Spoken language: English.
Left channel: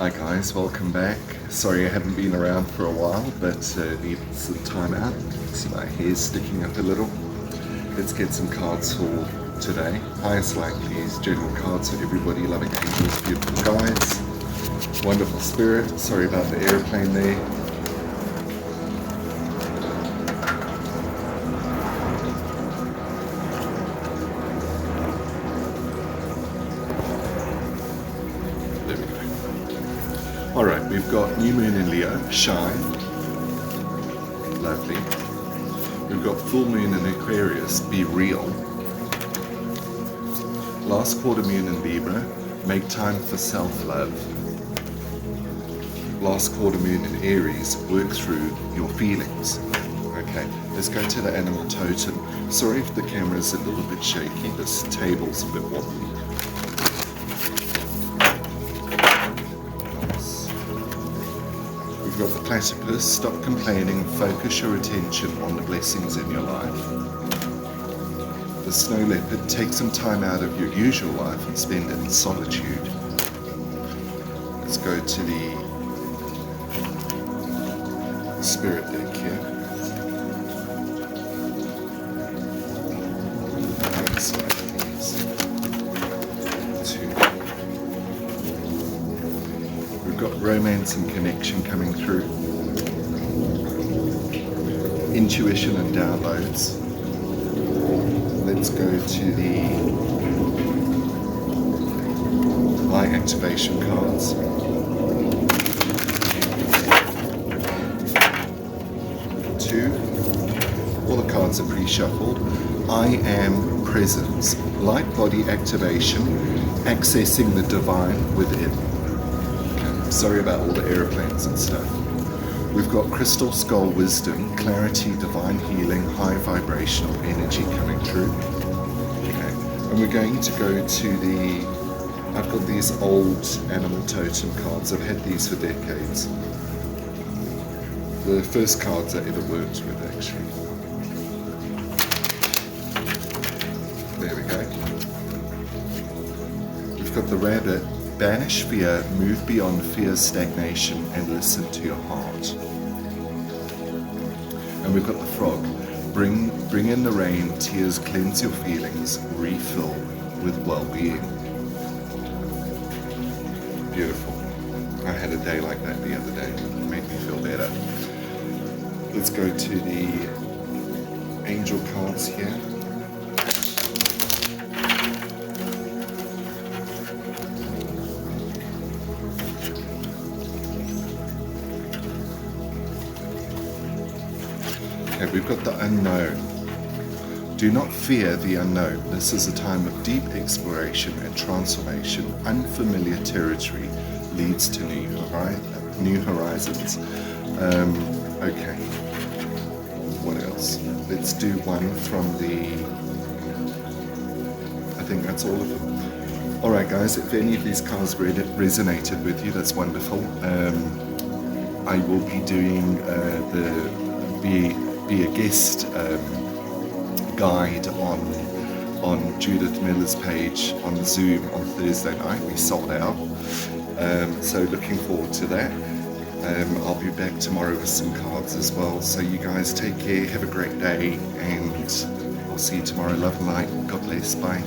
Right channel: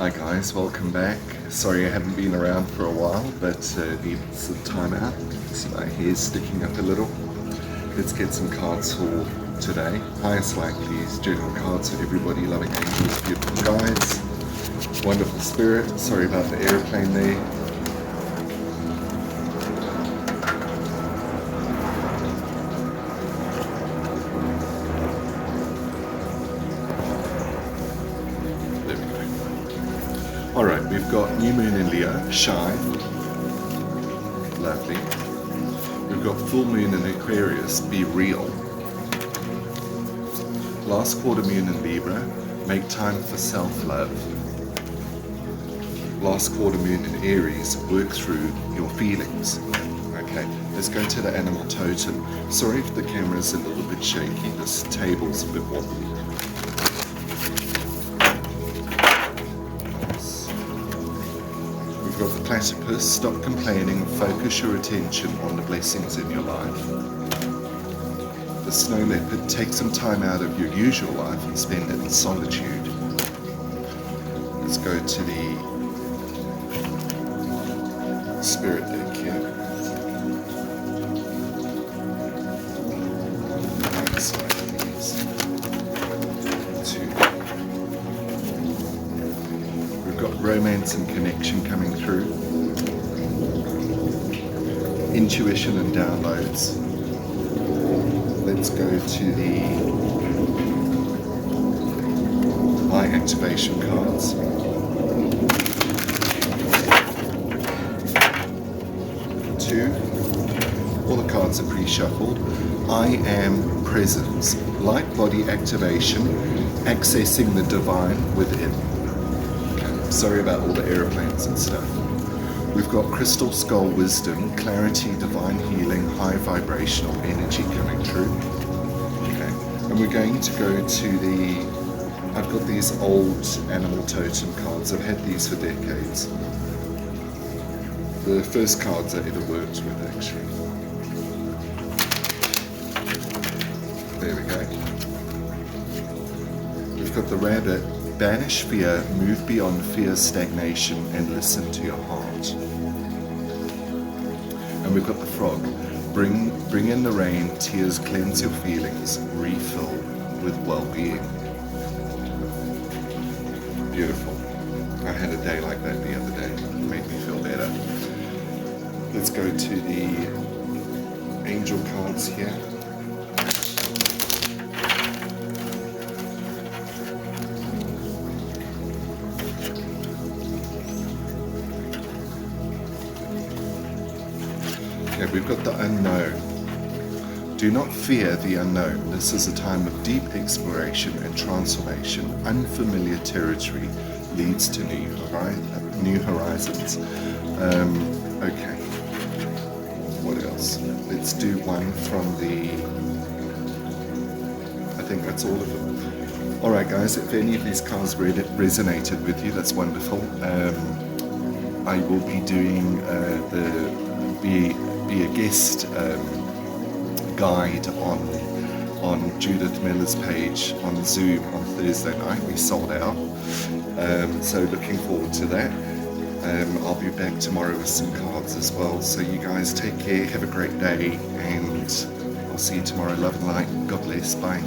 Hi guys, welcome back. Sorry I haven't been around for a while, but needed some time out. See my hair's sticking up a little. Let's get some cards for today. Highest likely is general cards for everybody, loving angels, beautiful guides, wonderful spirit. Sorry about the airplane there. There we go. Alright, we've got New Moon in Leo, Shine. Lovely. We've got Full Moon in Aquarius, Be Real. Last quarter moon in Libra, Make time for self-love. Last quarter moon in Aries, Work through your feelings. Okay, let's go to the animal totem. Sorry if the camera's a little bit shaky, this table's a bit wobbly. We've got the platypus, stop complaining, focus your attention on the blessings in your life. The snow leopard, take some time out of your usual life and spend it in solitude. Let's go to the spirit deck here. Next slide, please. We've got romance and connection coming through. Intuition and downloads. Let's go to the high activation cards. Two. All the cards are pre-shuffled. I am presence. Light body activation. Accessing the divine within. Sorry about all the airplanes and stuff. We've got Crystal Skull Wisdom, Clarity, Divine Healing, High Vibrational Energy coming through. Okay, and we're going to go to the... I've got these old animal totem cards. I've had these for decades. The first cards I ever worked with, actually. There we go. We've got the rabbit. Banish fear, move beyond fear's stagnation, and listen to your heart. And we've got the frog. Bring in the rain, tears cleanse your feelings, refill with well-being. Beautiful. I had a day like that the other day. It made me feel better. Let's go to the angel cards here. Okay, we've got the unknown. Do not fear the unknown. This is a time of deep exploration and transformation. Unfamiliar territory leads to new horizons. Okay, what else? Let's do one from the... I think that's all of them. Alright guys, if any of these cards resonated with you, that's wonderful. I will be doing the be a guest guide on Judith Miller's page on Zoom on Thursday night. We sold out, so looking forward to that. I'll be back tomorrow with some cards as well, so you guys take care, have a great day, and I'll see you tomorrow. Love and light. God bless. Bye.